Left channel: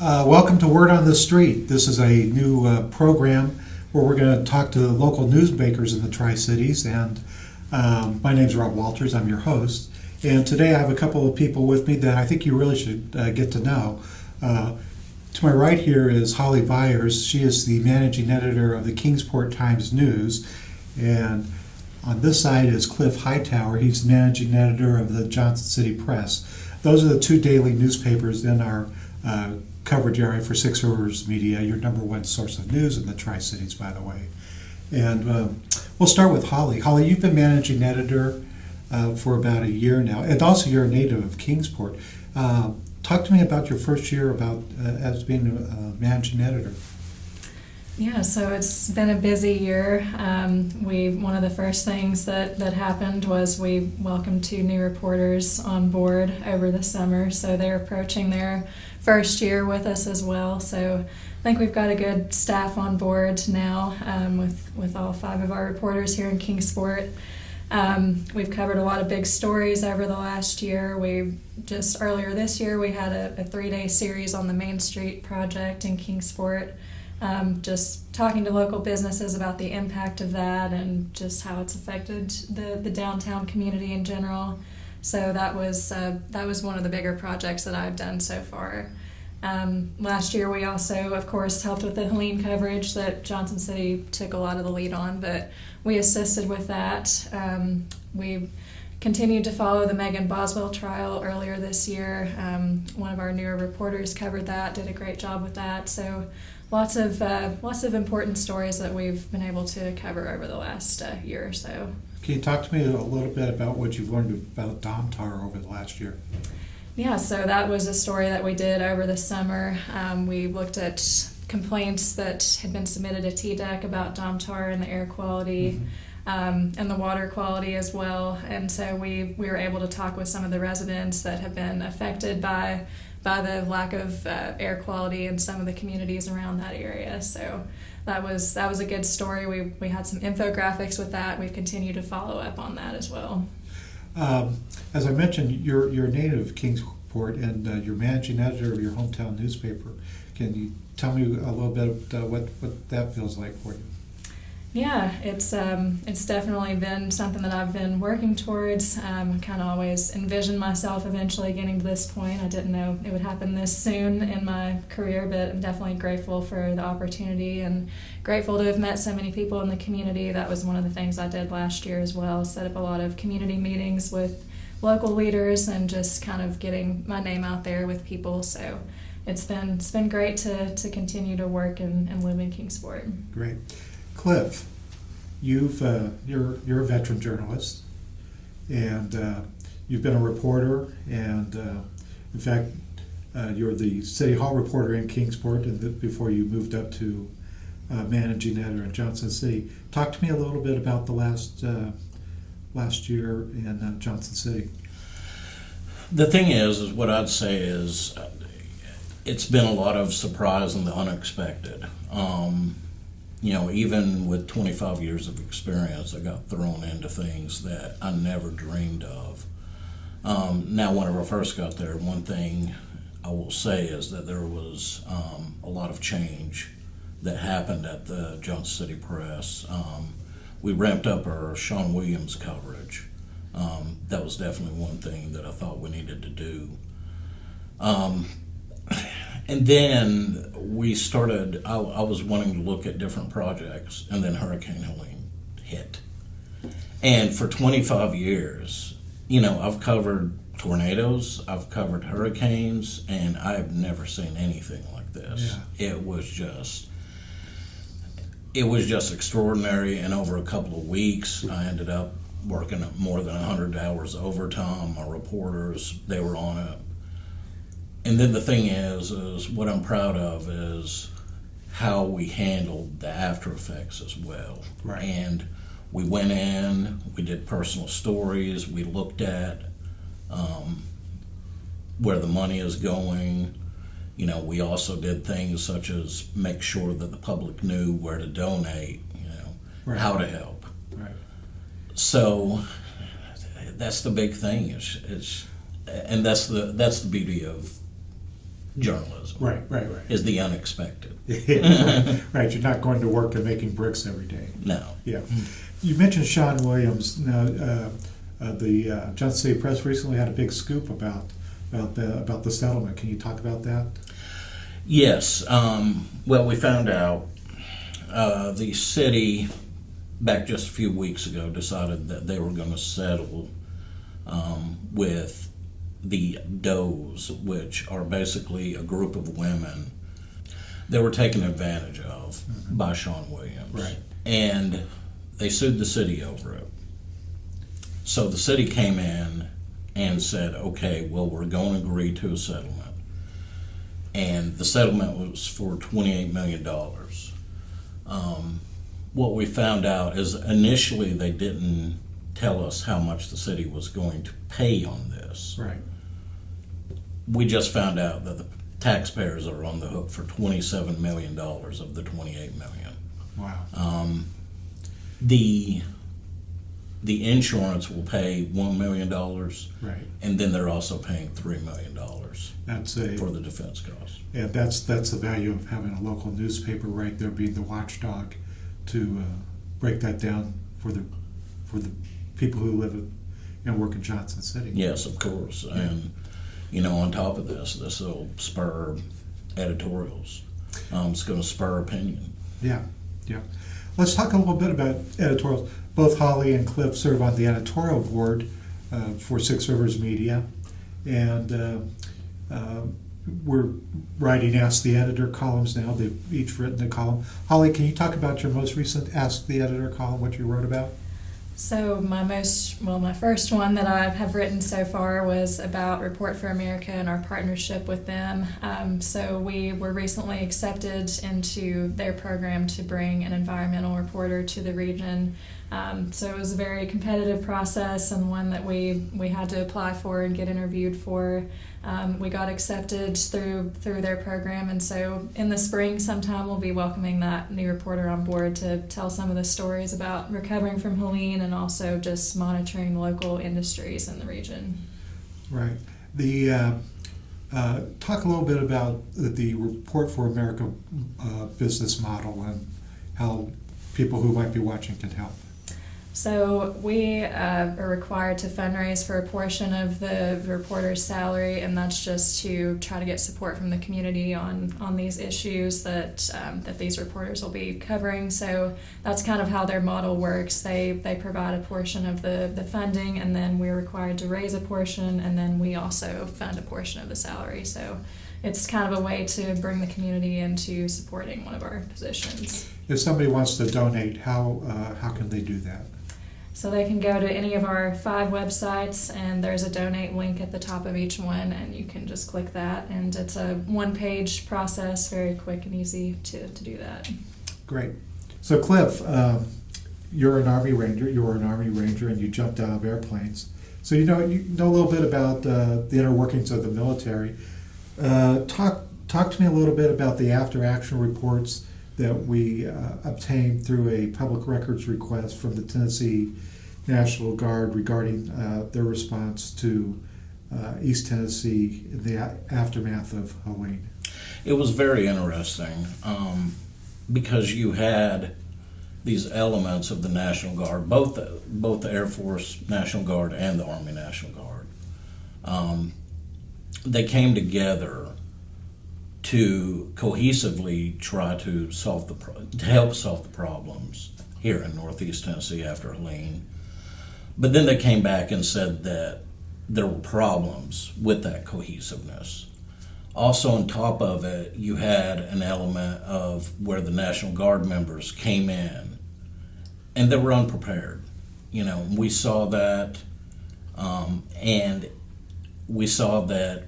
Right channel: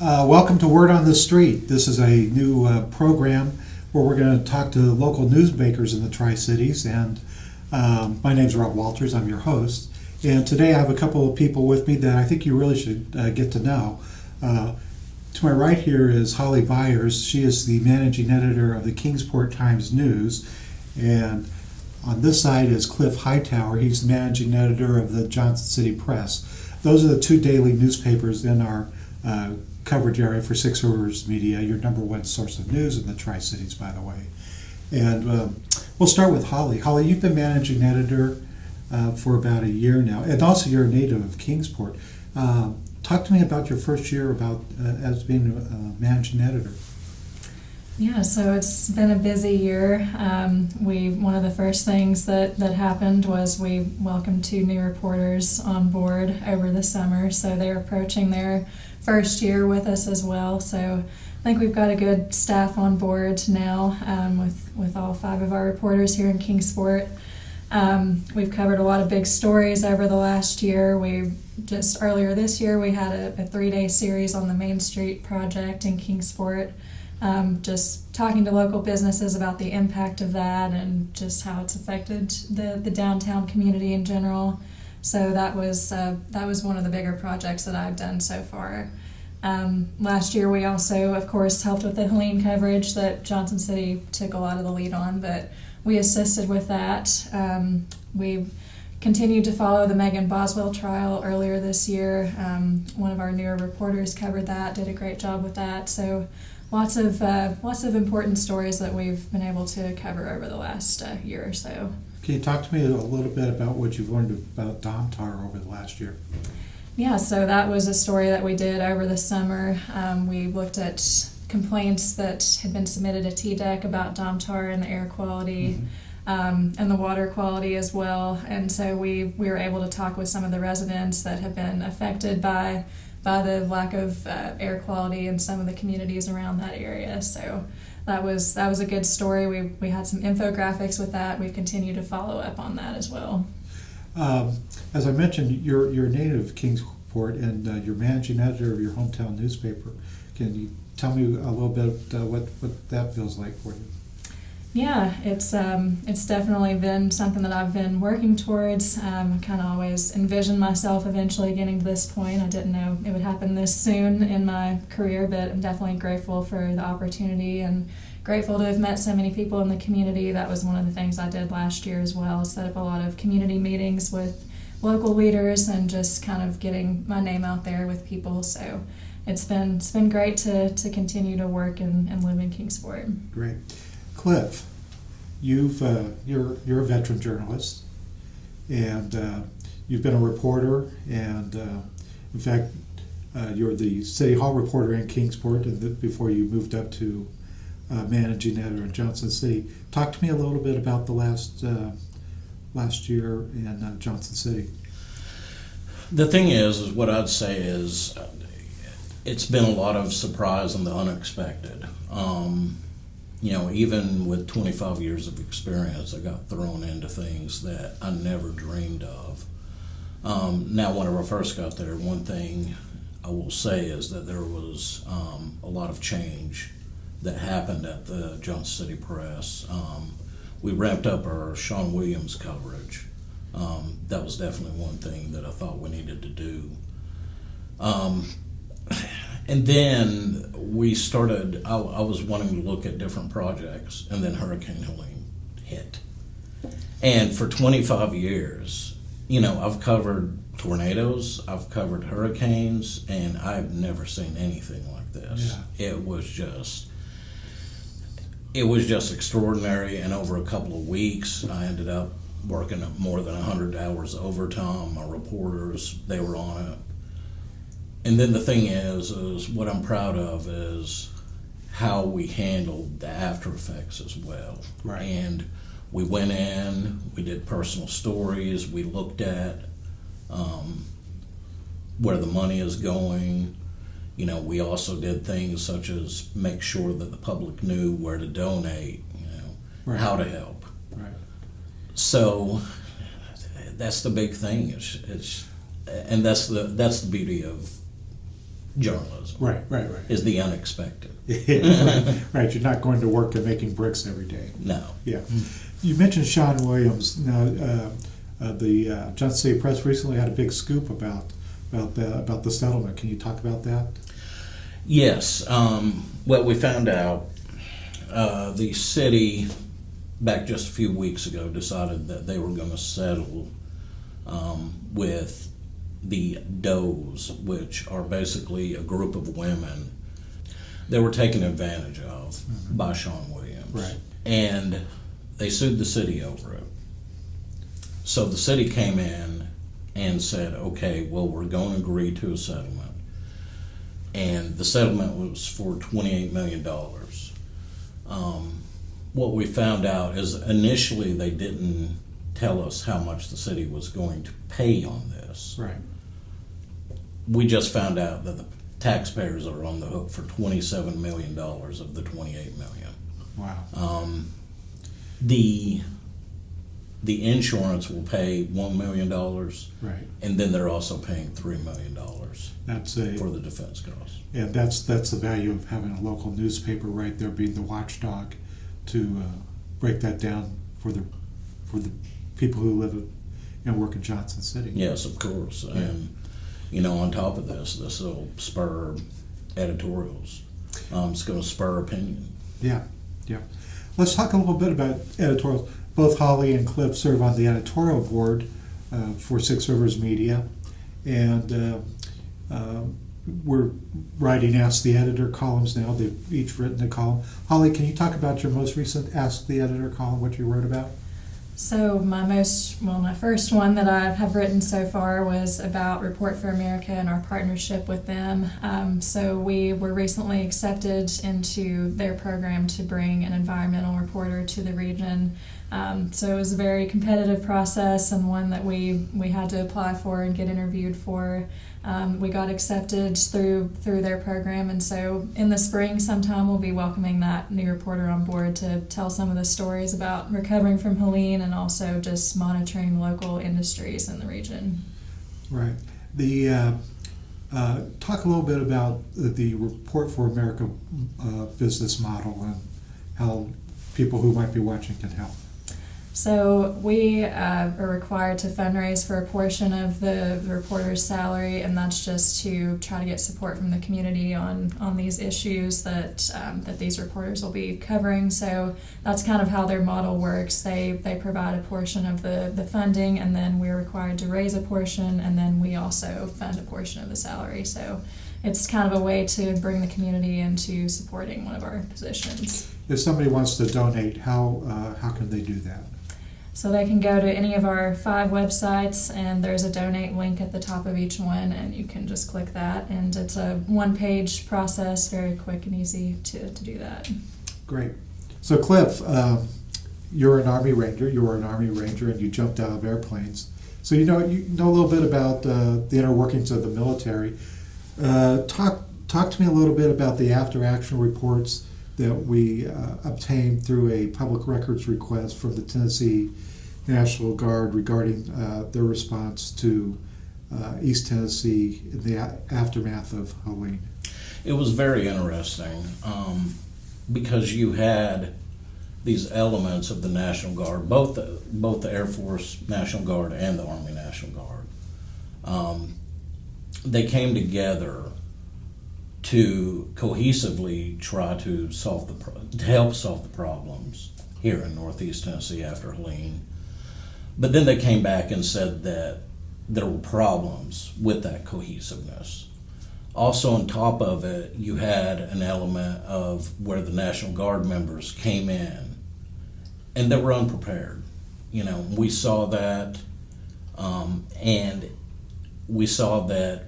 Welcome to Word on the Street. This is a new program where we're going to talk to local newsmakers in the Tri-Cities. And my name's Rob Walters. I'm your host. And today I have a couple of people with me that I think you really should get to know. To my right here is Holly Viers. She is the managing editor of the Kingsport Times News. And on this side is Cliff Hightower. He's the managing editor of the Johnson City Press. Those are the two daily newspapers in our coverage area for Six Rivers Media, your number one source of news in the Tri-Cities, by the way. And we'll start with Holly. Holly, you've been managing editor for about a year now, and also you're a native of Kingsport. Talk to me about your first year about as being a managing editor. Yeah, so it's been a busy year. One of the first things that happened was we welcomed two new reporters on board over the summer, so they're approaching their first year with us as well. So I think we've got a good staff on board now with all five of our reporters here in Kingsport. We've covered a lot of big stories over the last year. Earlier this year, we had a 3-day series on the Main Street project in Kingsport, just talking to local businesses about the impact of that and just how it's affected the downtown community in general. So that was one of the bigger projects that I've done so far. Last year we also, of course, helped with the Helene coverage that Johnson City took a lot of the lead on, but we assisted with that. We continued to follow the Megan Boswell trial earlier this year. One of our newer reporters covered that, did a great job with that. So lots of important stories that we've been able to cover over the last year or so. Can you talk to me a little bit about what you've learned about Domtar over the last year? Yeah, so that was a story that we did over the summer. We looked at complaints that had been submitted to TDEC about Domtar and the air quality, and the water quality as well. And so we were able to talk with some of the residents that have been affected by the lack of air quality in some of the communities around that area. So that was a good story. We had some infographics with that. We've continued to follow up on that as well. As I mentioned, you're a native of Kingsport and you're managing editor of your hometown newspaper. Can you tell me a little bit what that feels like for you? Yeah, it's definitely been something that I've been working towards. I kind of always envisioned myself eventually getting to this point. I didn't know it would happen this soon in my career, but I'm definitely grateful for the opportunity and grateful to have met so many people in the community. That was one of the things I did last year as well, set up a lot of community meetings with local leaders and just kind of getting my name out there with people. So it's been great to continue to work and live in Kingsport. Great. Cliff, you're a veteran journalist, and you've been a reporter, and in fact, you're the City Hall reporter in Kingsport, and before you moved up to managing editor in Johnson City. Talk to me a little bit about the last year in Johnson City. The thing is what I'd say is it's been a lot of surprise and the unexpected. Even with 25 years of experience, I got thrown into things that I never dreamed of. Now, when I first got there, one thing I will say is that there was a lot of change that happened at the Johnson City Press. We ramped up our Sean Williams coverage. That was definitely one thing that I thought we needed to do. And then we started, I was wanting to look at different projects, and then Hurricane Helene hit. And for 25 years, I've covered tornadoes, I've covered hurricanes, and I've never seen anything like this. Yeah. It was just extraordinary, and over a couple of weeks, I ended up working more than 100 hours overtime. My reporters, they were on it. And then the thing is what I'm proud of is how we handled the after effects as well. Right. And we went in, we did personal stories, we looked at where the money is going. We also did things such as make sure that the public knew where to donate, right. How to help. Right. So that's the big thing. And that's the beauty of journalism. Right. Is the unexpected. Right. You're not going to work and making bricks every day. No. Yeah. You mentioned Sean Williams. Now, the Johnson City Press recently had a big scoop about the settlement. Can you talk about that? Yes. Well, we found out the city, back just a few weeks ago, decided that they were going to settle with the Does, which are basically a group of women that were taken advantage of by Sean Williams. Right. And they sued the city over it. So the city came in and said, okay, well, we're going to agree to a settlement. And the settlement was for $28 million. What we found out is initially they didn't tell us how much the city was going to pay on this. Right. We just found out that the taxpayers are on the hook for $27 million of the $28 million. Wow. The insurance will pay $1 million, right, and then they're also paying $3 million for the defense costs. And that's the value of having a local newspaper right there, being the watchdog to break that down for the people who live and work in Johnson City. Yes, of course. Yeah. And on top of this will spur editorials. It's going to spur opinion. Yeah. Let's talk a little bit about editorials. Both Holly and Cliff serve on the editorial board for Six Rivers Media, and we're writing Ask the Editor columns now. They've each written a column. Holly, can you talk about your most recent Ask the Editor column, what you wrote about? So my first one that I have written so far was about Report for America and our partnership with them. So we were recently accepted into their program to bring an environmental reporter to the region. So it was a very competitive process and one that we had to apply for and get interviewed for. We got accepted through their program, and so in the spring sometime we'll be welcoming that new reporter on board to tell some of the stories about recovering from Helene and also just monitoring the local industries in the region. Right. Talk a little bit about the Report for America business model and how people who might be watching can help. So we are required to fundraise for a portion of the reporter's salary, and that's just to try to get support from the community on these issues that these reporters will be covering. So that's kind of how their model works. They provide a portion of the funding, and then we're required to raise a portion, and then we also fund a portion of the salary. So it's kind of a way to bring the community into supporting one of our positions. If somebody wants to donate, how can they do that? So they can go to any of our 5 websites, and there's a donate link at the top of each one, and you can just click that. And it's a one-page process, very quick and easy to do that. Great. So Cliff, you're an Army Ranger. You were an Army Ranger, and you jumped out of airplanes. So you know a little bit about the inner workings of the military. Talk to me a little bit about the after-action reports that we obtained through a public records request from the Tennessee National Guard regarding their response to East Tennessee in the aftermath of Helene. It was very interesting because you had these elements of the National Guard, both the Air Force National Guard and the Army National Guard. They came together to cohesively try to help solve the problems here in Northeast Tennessee after Helene. But then they came back and said that there were problems with that cohesiveness. Also on top of it, you had an element of where the National Guard members came in and they were unprepared. We saw that, and we saw that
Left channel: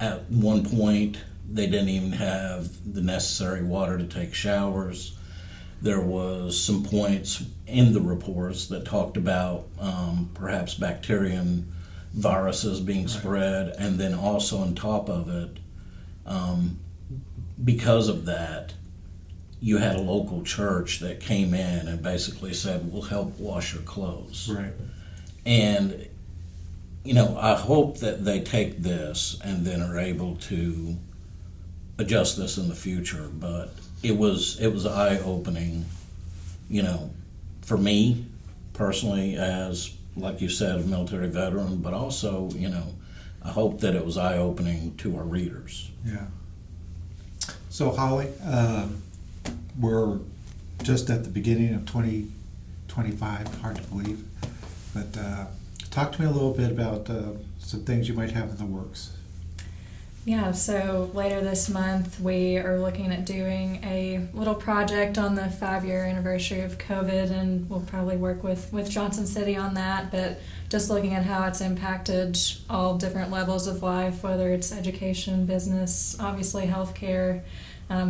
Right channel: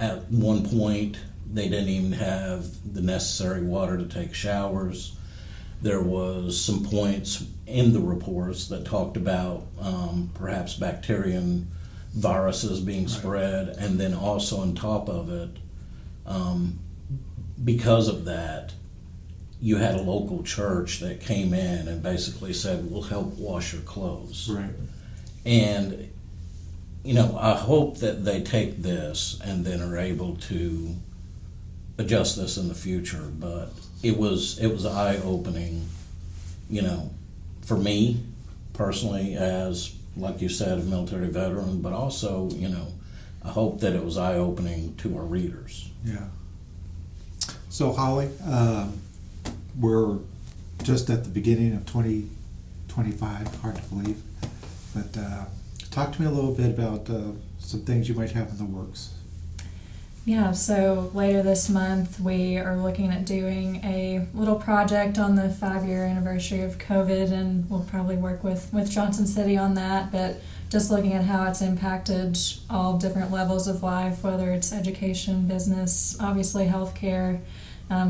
at one point they didn't even have the necessary water to take showers. There was some points in the reports that talked about perhaps bacteria and viruses being spread, and then also on top of it, because of that, you had a local church that came in and basically said, we'll help wash your clothes. Right. And I hope that they take this and then are able to adjust this in the future. But it was eye-opening, for me personally, as like you said, a military veteran, but also, I hope that it was eye-opening to our readers. Yeah. So Holly, we're just at the beginning of 2025, hard to believe, but talk to me a little bit about some things you might have in the works. Yeah, so later this month we are looking at doing a little project on the 5-year anniversary of COVID, and we'll probably work with Johnson City on that, but just looking at how it's impacted all different levels of life, whether it's education, business, obviously healthcare.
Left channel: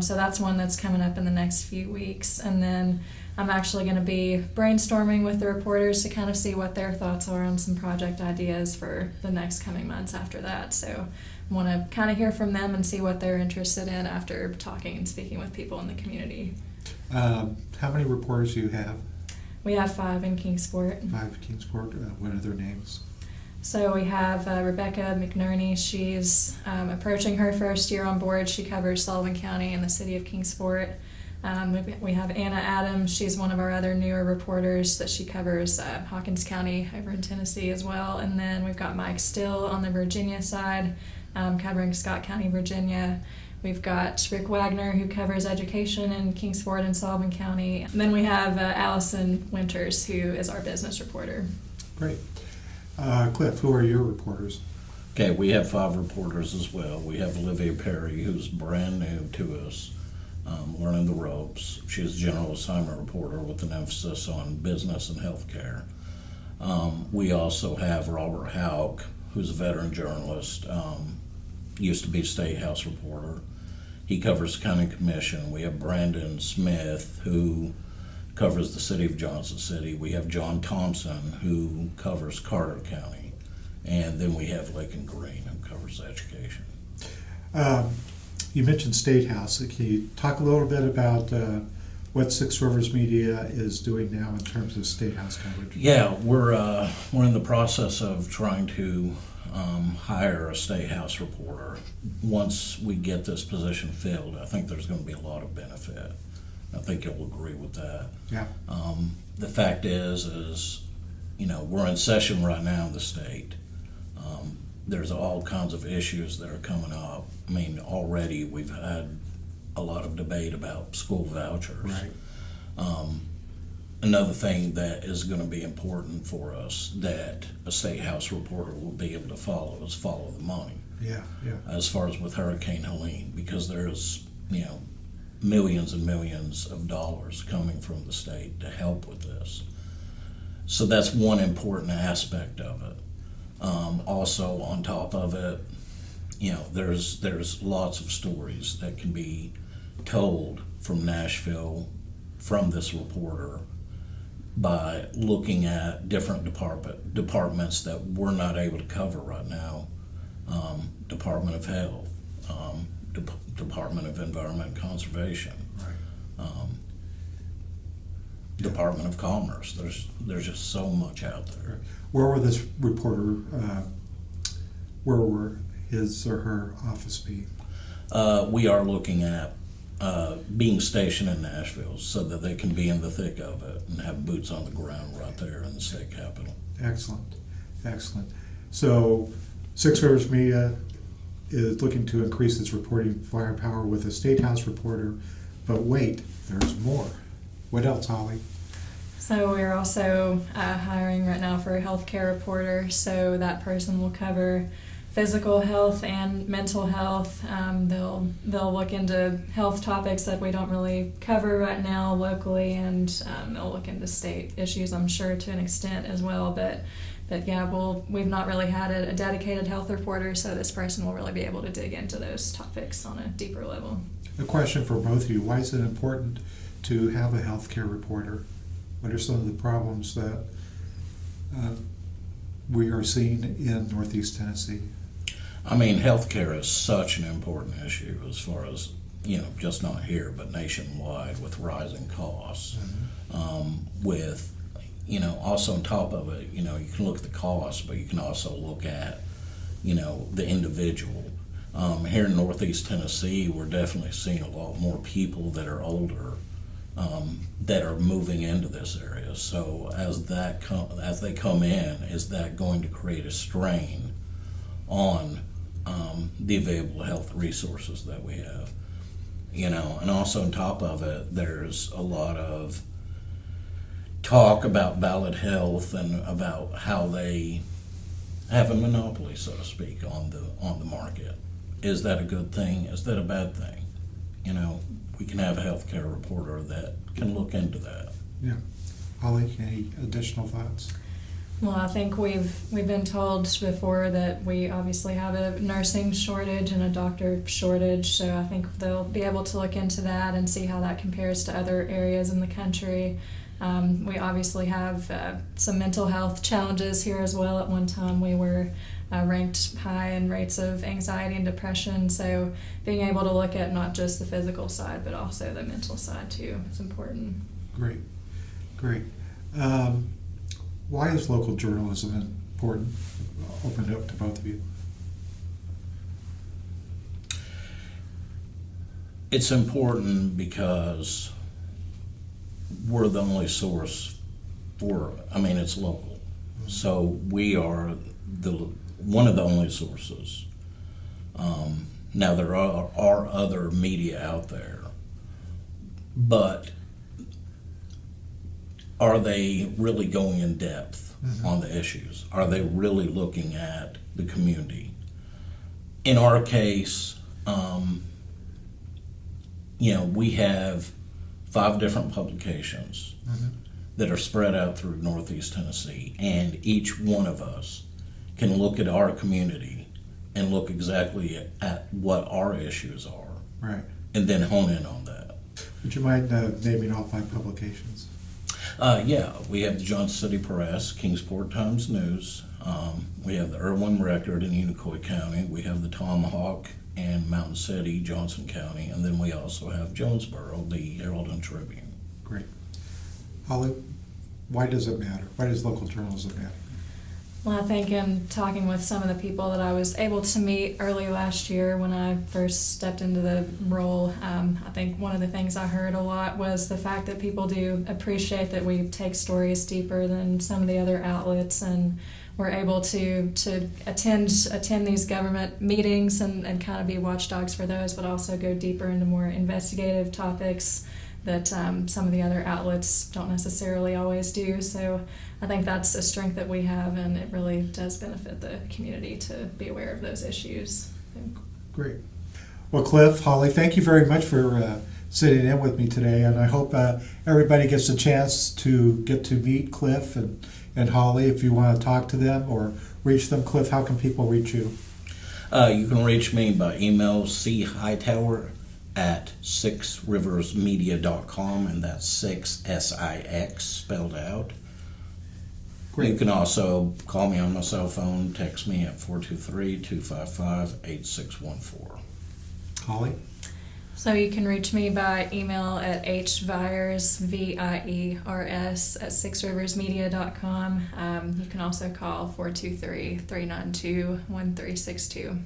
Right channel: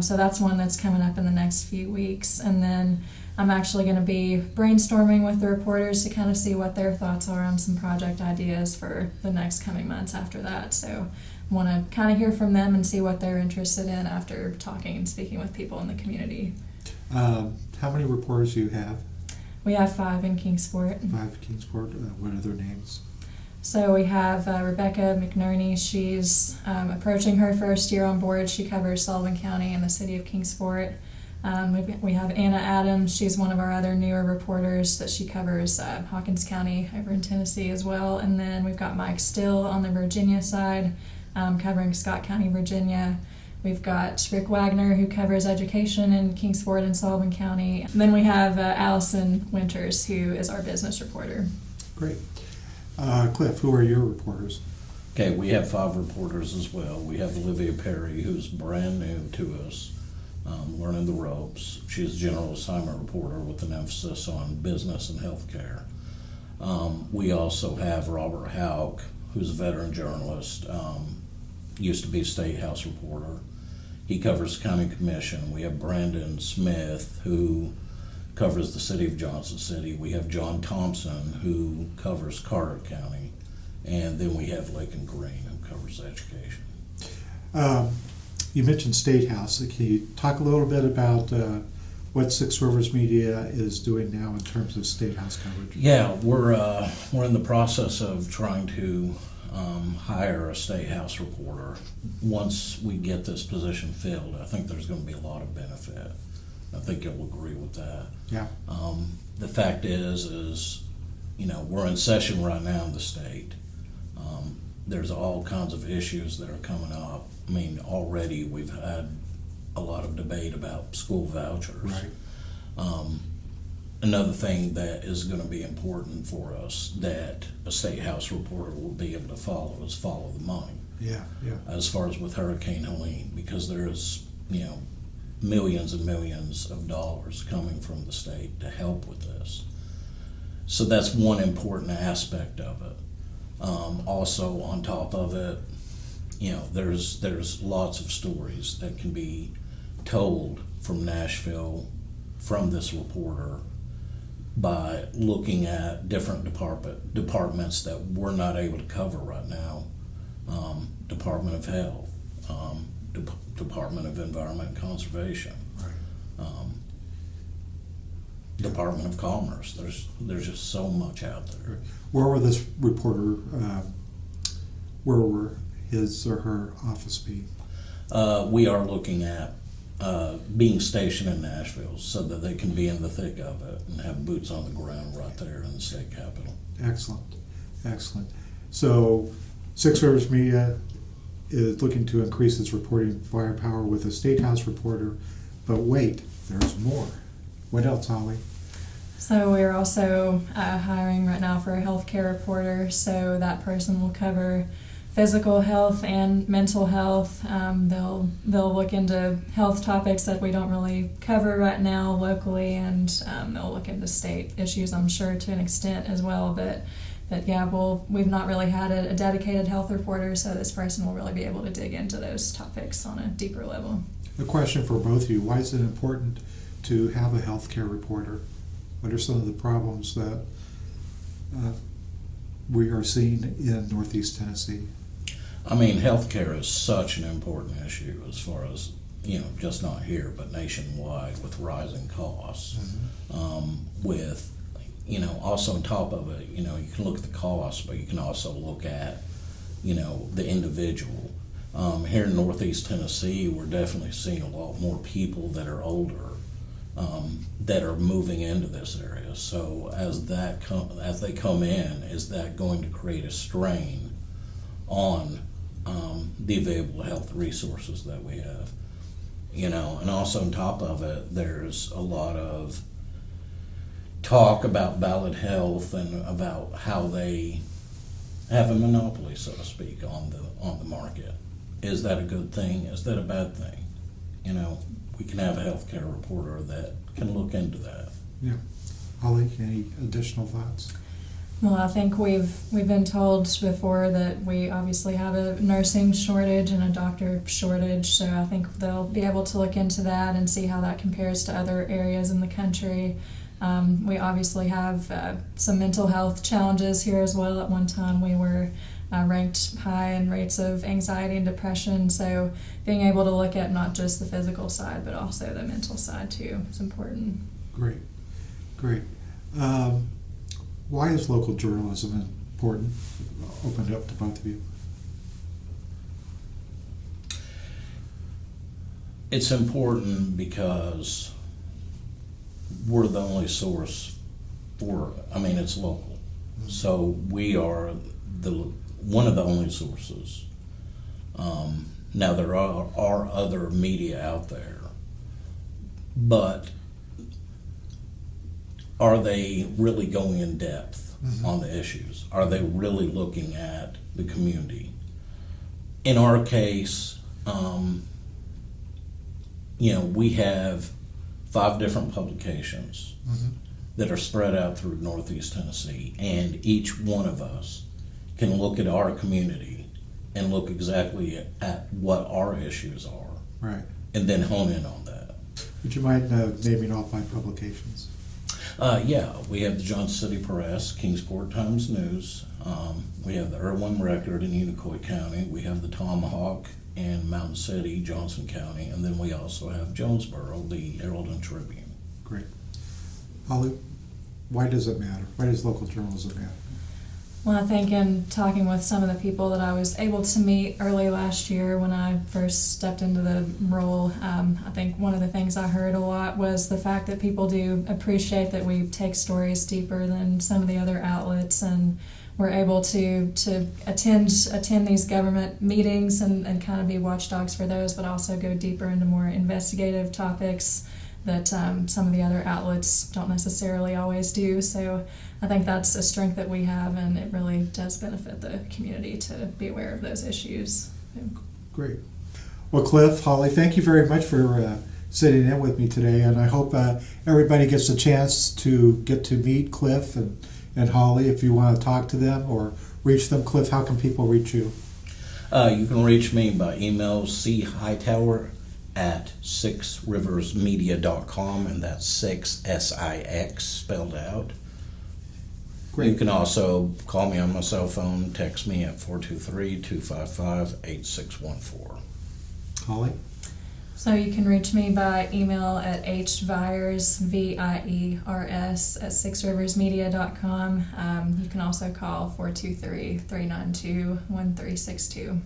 So that's one that's coming up in the next few weeks. And then I'm actually going to be brainstorming with the reporters to kind of see what their thoughts are on some project ideas for the next coming months after that. So want to kind of hear from them and see what they're interested in after talking and speaking with people in the community. How many reporters do you have? We have 5 in Kingsport. 5 in Kingsport. What are their names? So we have Rebecca McNerney. She's approaching her first year on board. She covers Sullivan County and the city of Kingsport. We have Anna Adams. She's one of our other newer reporters that she covers Hawkins County over in Tennessee as well. And then we've got Mike Still on the Virginia side, covering Scott County, Virginia. We've got Rick Wagner, who covers education in Kingsport and Sullivan County. And then we have Allison Winters, who is our business reporter. Great. Cliff, who are your reporters? Okay, we have 5 reporters as well. We have Olivia Perry, who's brand new to us, learning the ropes. She's a general assignment reporter with an emphasis on business and healthcare. We also have Robert Houck, who's a veteran journalist, used to be a State House reporter. He covers the county commission. We have Brandon Smith, who covers the city of Johnson City. We have John Thompson, who covers Carter County. And then we have Lakin Green, who covers education. You mentioned State House. Can you talk a little bit about what Six Rivers Media is doing now in terms of State House coverage? Yeah, we're in the process of trying to hire a State House reporter. Once we get this position filled, I think there's going to be a lot of benefit. I think you'll agree with that. Yeah. The fact is, we're in session right now in the state. There's all kinds of issues that are coming up. I mean, already we've had a lot of debate about school vouchers. Right. Another thing that is going to be important for us that a State House reporter will be able to follow is follow the money. Yeah. As far as with Hurricane Helene, because there's, millions and millions of dollars coming from the state to help with this. So that's one important aspect of it. Also, on top of it, there's lots of stories that can be told from Nashville from this reporter by looking at different departments that we're not able to cover right now. Department of Health, Department of Environment and Conservation, Right. Department of Commerce. There's just so much out there. Right. Where will this reporter, where will his or her office be? We are looking at being stationed in Nashville so that they can be in the thick of it and have boots on the ground right there in the state capitol. Excellent. So, Six Rivers Media is looking to increase its reporting firepower with a State House reporter, but wait, there's more. What else, Holly? So we're also hiring right now for a healthcare reporter, so that person will cover physical health and mental health. They'll look into health topics that we don't really cover right now locally, and they'll look into state issues, I'm sure, to an extent as well. But yeah, we've not really had a dedicated health reporter, so this person will really be able to dig into those topics on a deeper level. A question for both of you. Why is it important to have a healthcare reporter? What are some of the problems that we are seeing in Northeast Tennessee? I mean, healthcare is such an important issue as far as, just not here, but nationwide with rising costs, with, also on top of it, you can look at the cost, but you can also look at, the individual. Here in Northeast Tennessee, we're definitely seeing a lot more people that are older that are moving into this area. So as they come in, is that going to create a strain on the available health resources that we have? And also on top of it, there's a lot of talk about ballot health and about how they have a monopoly, so to speak, on the market. Is that a good thing? Is that a bad thing? We can have a healthcare reporter that can look into that. Yeah. Holly, any additional thoughts? Well, I think we've been told before that we obviously have a nursing shortage and a doctor shortage, so I think they'll be able to look into that and see how that compares to other areas in the country. We obviously have some mental health challenges here as well. At one time we were ranked high in rates of anxiety and depression, so being able to look at not just the physical side but also the mental side too is important. Great. Why is local journalism important? Open it up to both of you. It's important because we're the only source it's local. Mm-hmm. So we are one of the only sources. Now there are other media out there, but are they really going in depth on the issues? Are they really looking at the community? In our case, we have 5 different publications that are spread out through Northeast Tennessee, and each one of us can look at our community and look exactly at what our issues are, right, and then hone in on that. Would you mind naming all 5 publications? We have the Johnson City Press, Kingsport Times News. We have the Irwin Record in Unicoi County. We have the Tomahawk in Mountain City, Johnson County, and then we also have Jonesboro, the Herald and Tribune. Great. Holly, why does it matter? Why does local journalism matter? Well, I think in talking with some of the people that I was able to meet early last year when I first stepped into the role, I think one of the things I heard a lot was the fact that people do appreciate that we take stories deeper than some of the other outlets, and we're able to attend these government meetings and kind of be watchdogs for those, but also go deeper into more investigative topics that some of the other outlets don't necessarily always do. So I think that's a strength that we have, and it really does benefit the community to be aware of those issues. Great. Well, Cliff, Holly, thank you very much for sitting in with me today, and I hope everybody gets a chance to get to meet Cliff and Holly. If you want to talk to them or reach them, Cliff, how can people reach you? You can reach me by email, chihightower@sixriversmedia.com, and that's 6 SIX spelled out. Great. You can also call me on my cell phone, text me at 423-255-8614. Holly? So you can reach me by email at hviers, VIERS, at sixriversmedia.com. You can also call 423-392-1362.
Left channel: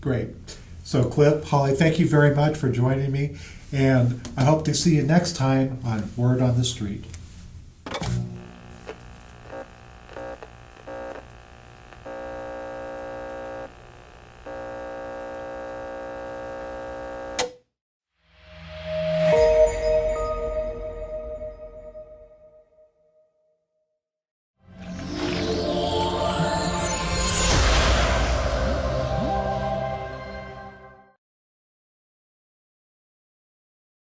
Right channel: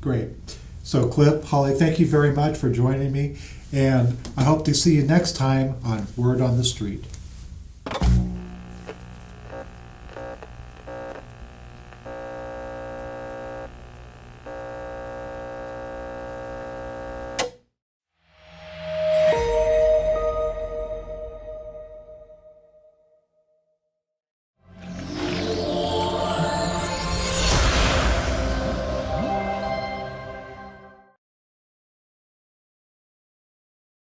Great. So Cliff, Holly, thank you very much for joining me, and I hope to see you next time on Word on the Street.